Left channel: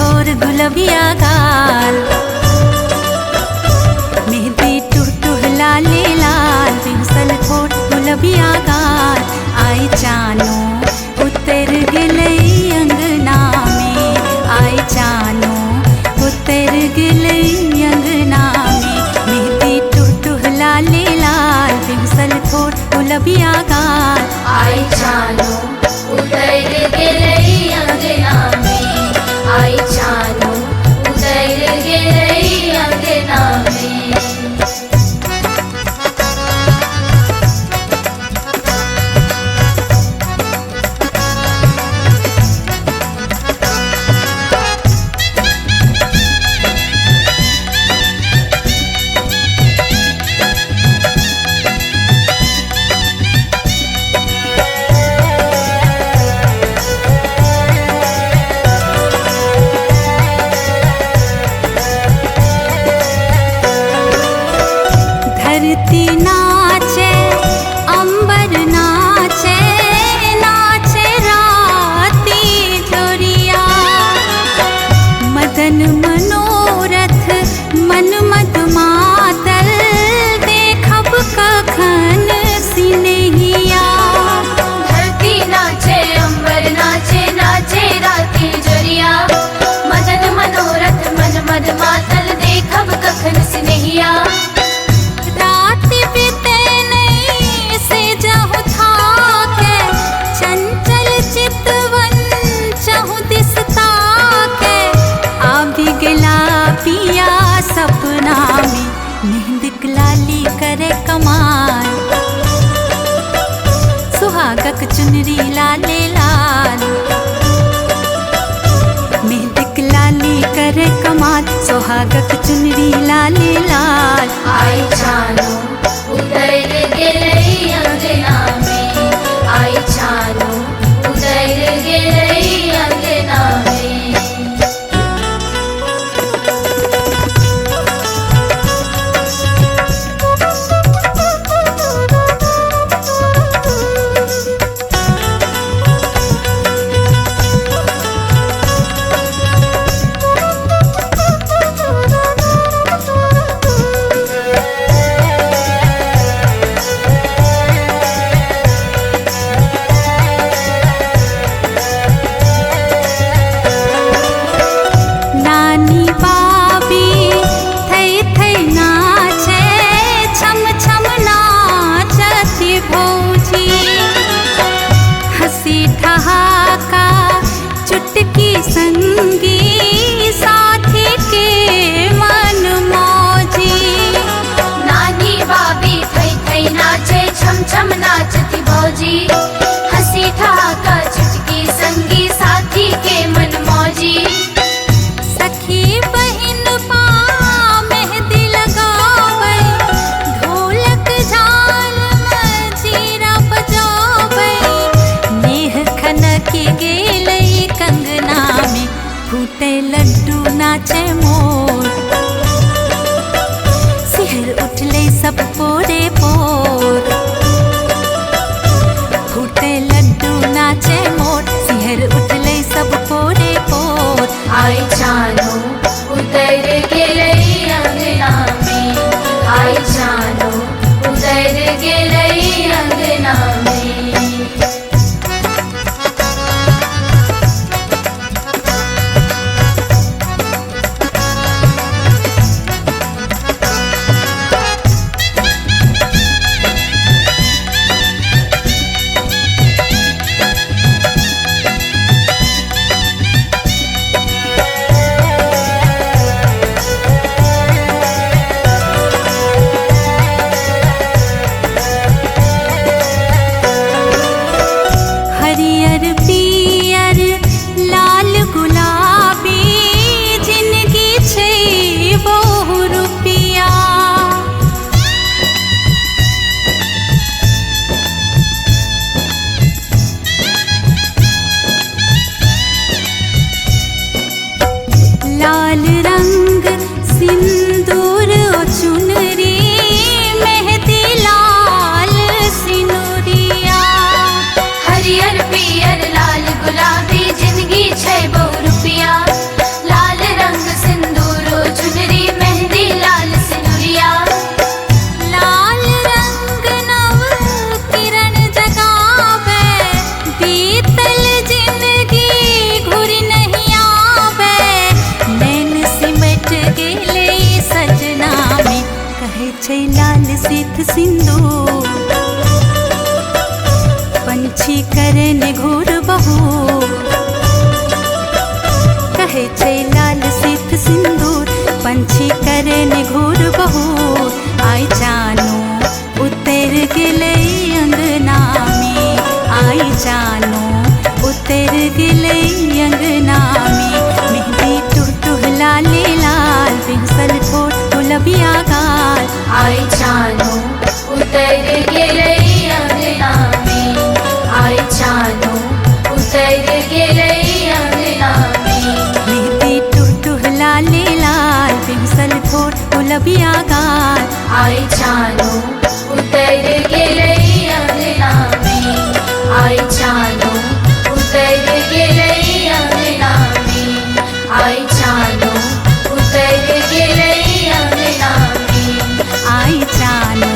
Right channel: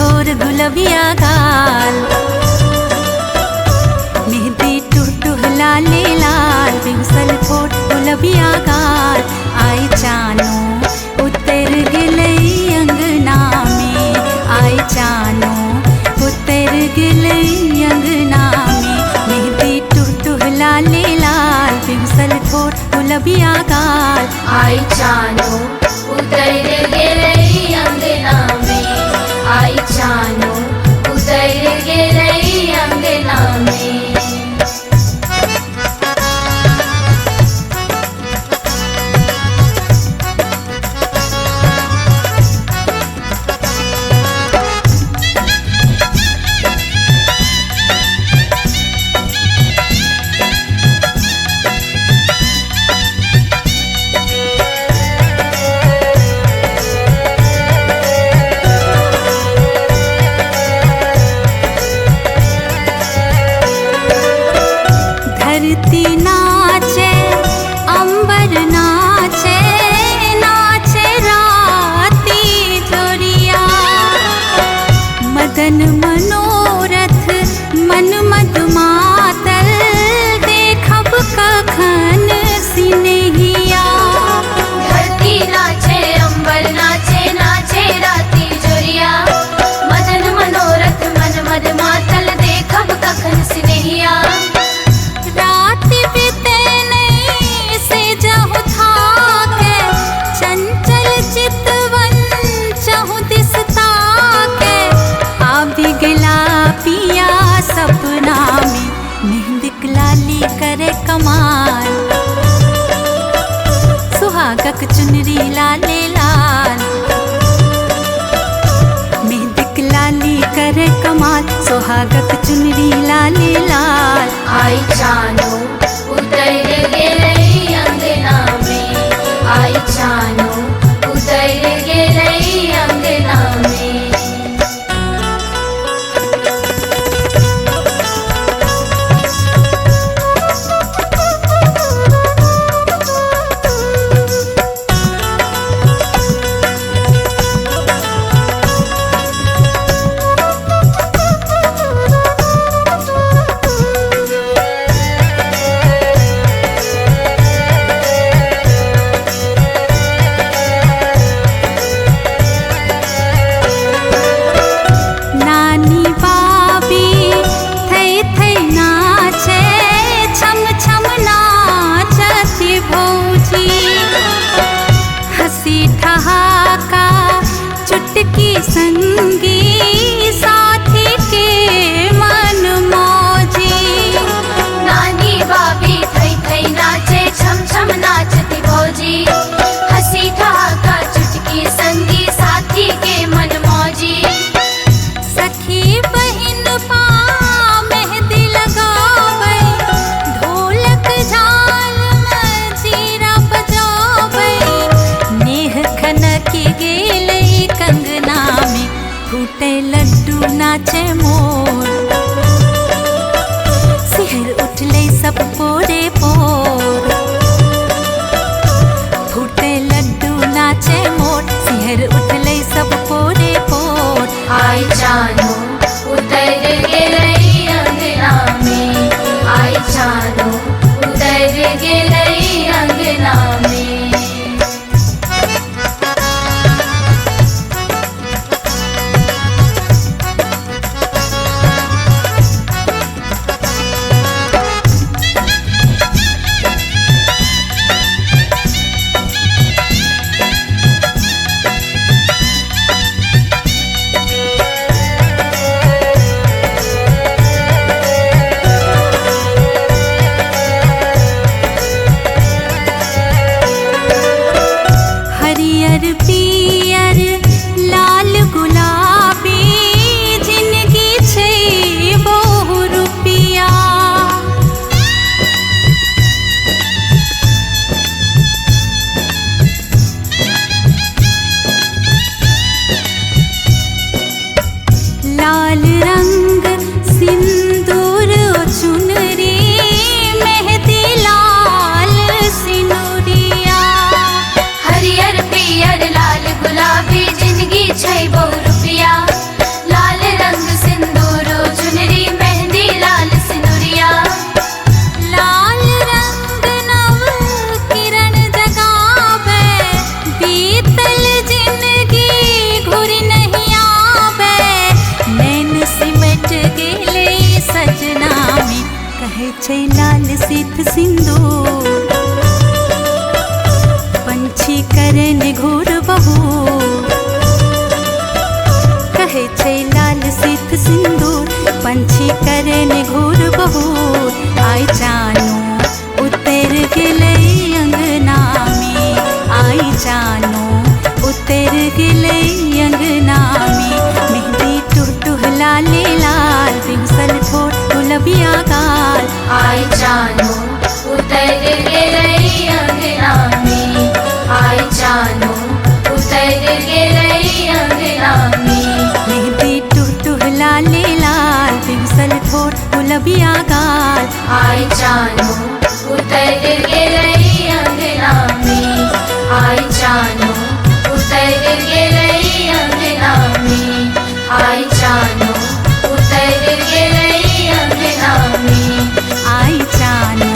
ठोर गुलबिया गाल, मेहंदी टुह लाले लाल, बिगुसल ठोर गुलबिया गाल। आई चानो उतर गिलई अंगना में, आई चानो उतर गिलई अंगना में। मेहंदी टुह लाले लाल, बिगुसल ठोर गुलबिया गाल। आई चानो उतर गिलई अंगना में, आई चानो उतर गिलई अंगना में। धरती नाचे अंबर नाचे, नाचे राती जोरिया। मदन मनोरथ मन मद मातल, देखब कखन सिनहिया। धरती नाचे अंबर नाचे, नाचे राती जोरिया। मदन मनोरथ मन मद मातल, देखब कखन सिनहिया। रात बीते नहीं से जाहु थाके, चंचल चितवन चाहु दिसता के। आबि गेला पिया सपना में, मेहंदी लाली करे कमाल। सुहागक चुनरी लाले लाल, मेहंदी लाली करे कमाल। सुहागक चुनरी लाले लाल। आई चानो उतर गिलई अंगना में, आई चानो उतर गिलई अंगना में। नानी बाबी थई थई नाचे, छम छम नाचती भौजी। हंसी ठहाका चुटकी संगी, साथी के मन मौजी। नानी बाबी थई थई नाचे, छम छम नाचती भौजी। हंसी ठहाका चुटकी संगी, साथी के मन मौजी। सखी बहिन पा मेहंदी लगावे, ढोलक झाल मजीरा बजावे। नेह खनकी गेलई कंगना में, फूटे लड्डू नाचे मोर। सिहर उठले सब पोरे पोर, फूटे लड्डू नाचे मोर। सिहर उठले सब पोरे पोर। आई चानो उतर गिलई अंगना में, आई चानो उतर गिलई अंगना में। सजना में कहे छै लाल सिथ सिंदूर पंछी करे ने घूर बहूर कहे छै लाल सिथ सिंदूर पंछी करे ने घूर बहूर आई जानू उतर गेलै अंगना में आई जानू उतर गेलै अंगना में मेहंदी टुह लाले लाल बिंसल ठोठ गुलबिया गाल आई जानू उतर गेलै अंगना में आई जानू उतर गेलै अंगना में मेहंदी टुह लाले लाल बिंसल ठोठ गुलबिया गाल आई जानू उतर गेलै अंगना में आई जानू उतर गेलै अंगना में आई जानू उतर गेलै अंगना में आई जानू